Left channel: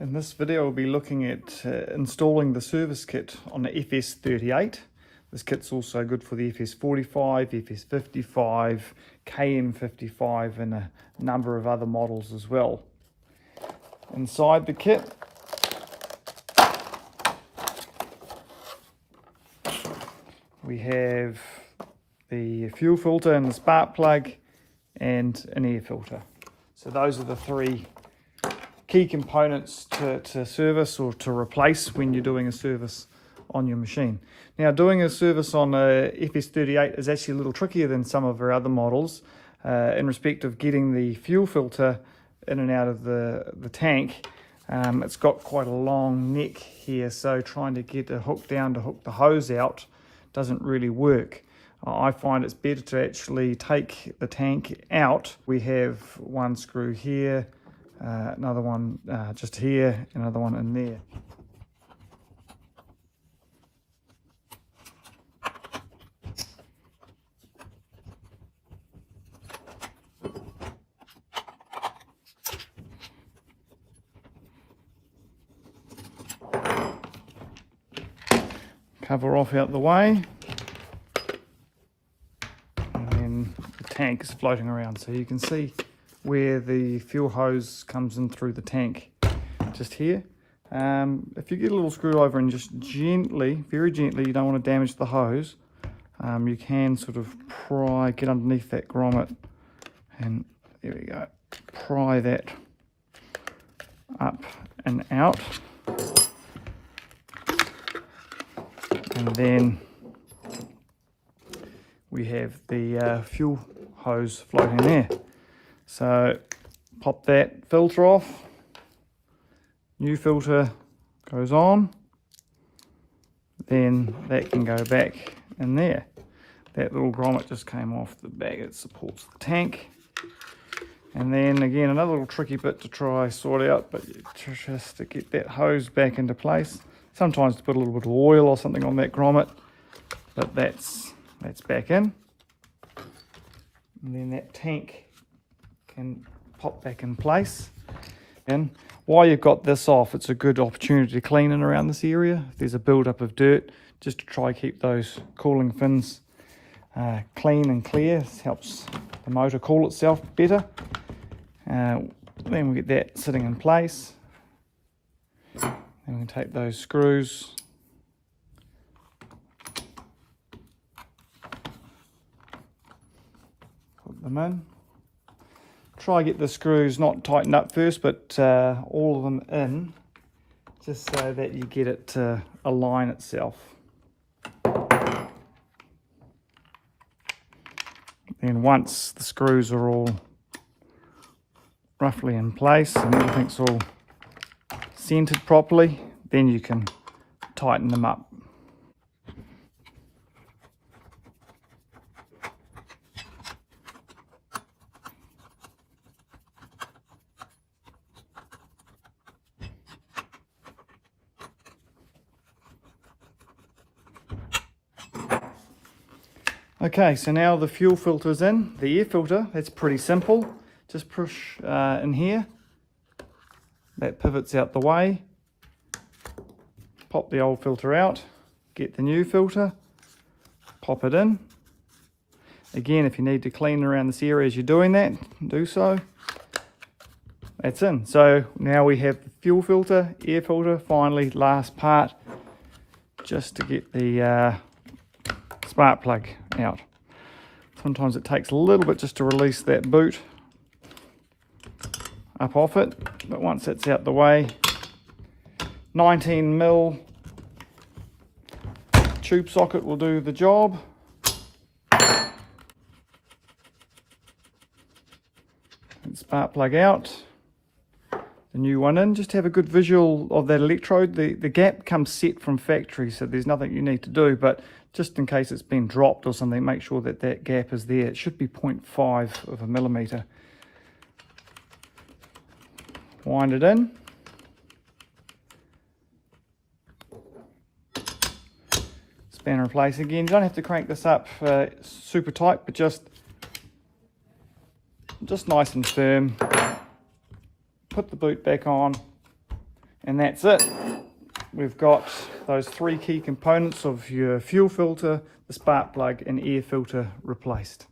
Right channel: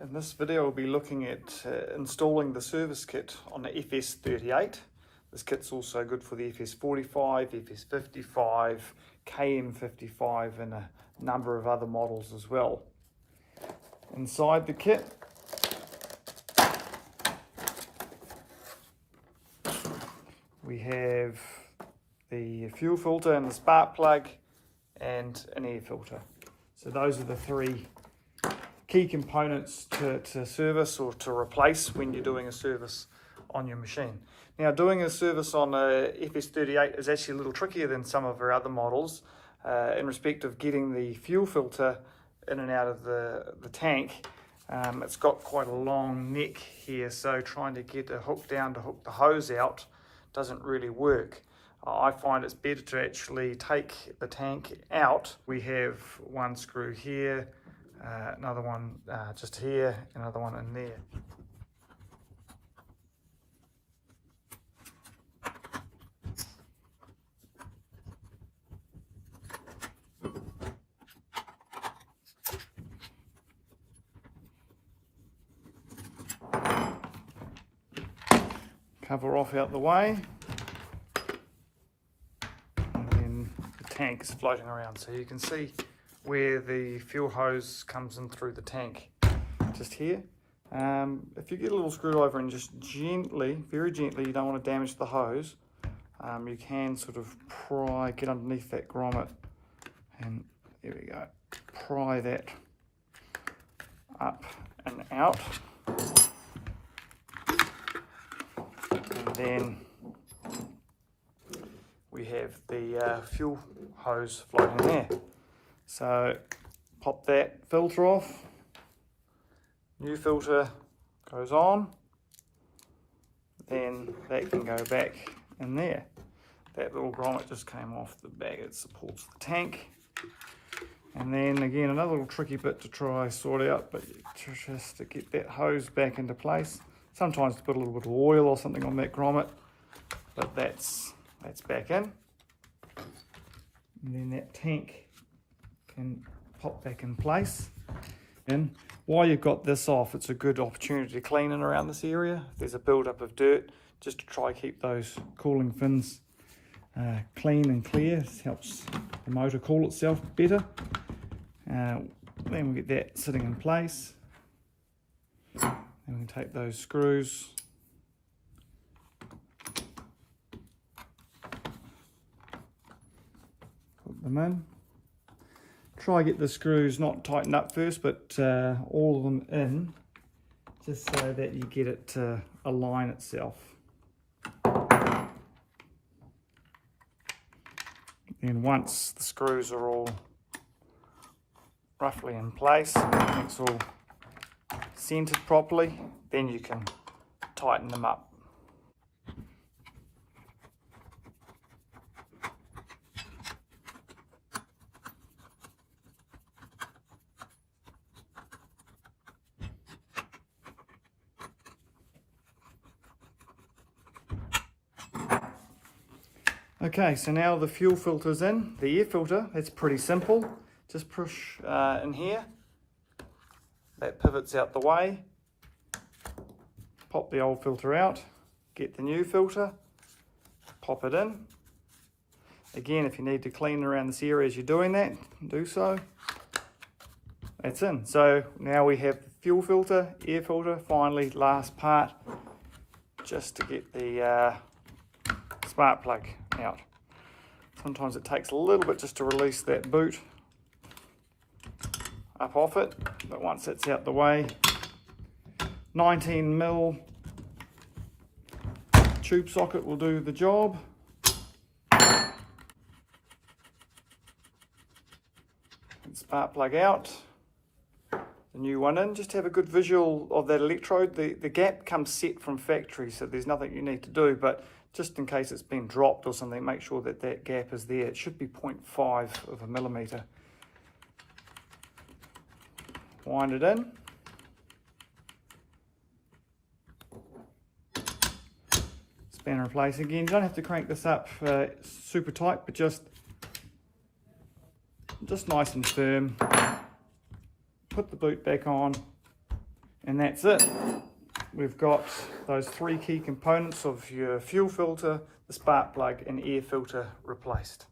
In this video we'll be looking at installing the service kit on the FS38. This kit's also good for the FS45, FS55, KM55 and a number of other models as well. Inside the kit we have the fuel filter and the spark plug and an air filter. So those are the three key components to service or to replace when you're doing a service on your machine. Now, doing a service on a FS38 is actually a little trickier than some of our other models in respect of getting the fuel filter in and out of the tank. It's got quite a long neck here, so trying to get a hook down to hook the hose out doesn't really work. I find it's better to actually take the tank out. We have one screw here, another one just here, another one in there. Cover off out the way, and then the tank is floating around, so you can see where the fuel hose comes in through the tank, just here. If you get a little screw over and just gently, very gently, you don't want to damage the hose, you can sort of get underneath that grommet, and there we go, pry that up and out. And then we have the fuel hose floating there. So pop that filter off, new filter goes on, then that can go back in there. That little grommet just came off the bag, it supports the tank. And then again, another little tricky bit to try sort out, but just to get that hose back into place. Sometimes to put a little bit of oil or something on that grommet, but that's back in. And then that tank can pop back in place. And while you've got this off, it's a good opportunity to clean in around this area. If there's a build-up of dirt, just to try keep those cooling fins clean and clear. It helps the motor cool itself better. Then we get that sitting in place. And we can take those screws, put them in. Try get the screws not tightened up first, but all of them in, just so that you get it to align itself. Then once the screws are all roughly in place and everything's all centered properly, then you can tighten them up. Okay, so now the fuel filter is in. The air filter, that's pretty simple. Just push in here. That pivots out the way. Pop the old filter out. Get the new filter. Pop it in. Again, if you need to clean around this area as you're doing that, do so. That's in. So now we have the fuel filter, air filter, finally last part, just to get the spark plug out. Sometimes it takes a little bit just to release that boot up off it, but once it's out the way, 19mm tube socket will do the job. Spark plug out, the new one in. Just have a good visual of that electrode. The gap comes set from factory, so there's nothing you need to do, but just in case it's been dropped or something, make sure that that gap is there. It should be 0.5 of a millimeter. Wind it in. Spanner in place again. You don't have to crank this up super tight, but just nice and firm. Put the boot back on, And that's it. We've got those 3 key components of your fuel filter, the spark plug and air filter replaced.